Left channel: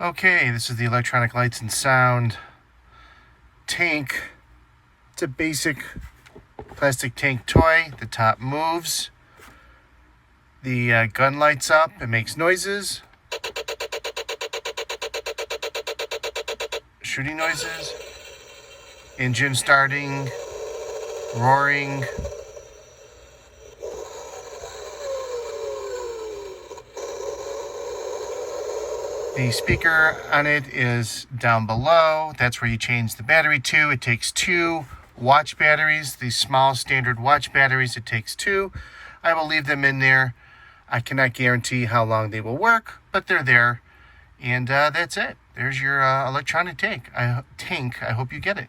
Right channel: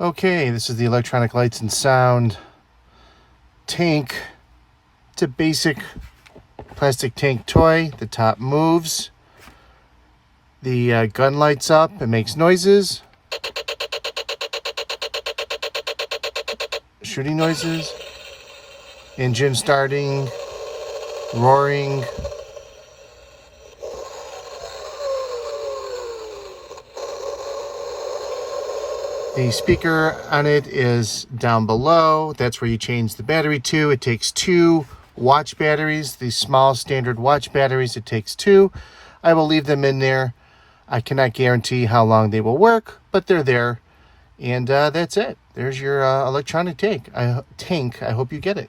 Okay, this is the electronic lights and sound tank. It's a basic plastic tank toy. The top moves. The gun lights up and makes noises. Shooting noises. Engine starting. Roaring. The speaker on it is down below. That's where you change the battery to. It takes 2 watch batteries, these small standard watch batteries. It takes 2. I will leave them in there. I cannot guarantee how long they will work, but they're there. And that's it. There's your electronic tank. I hope you get it.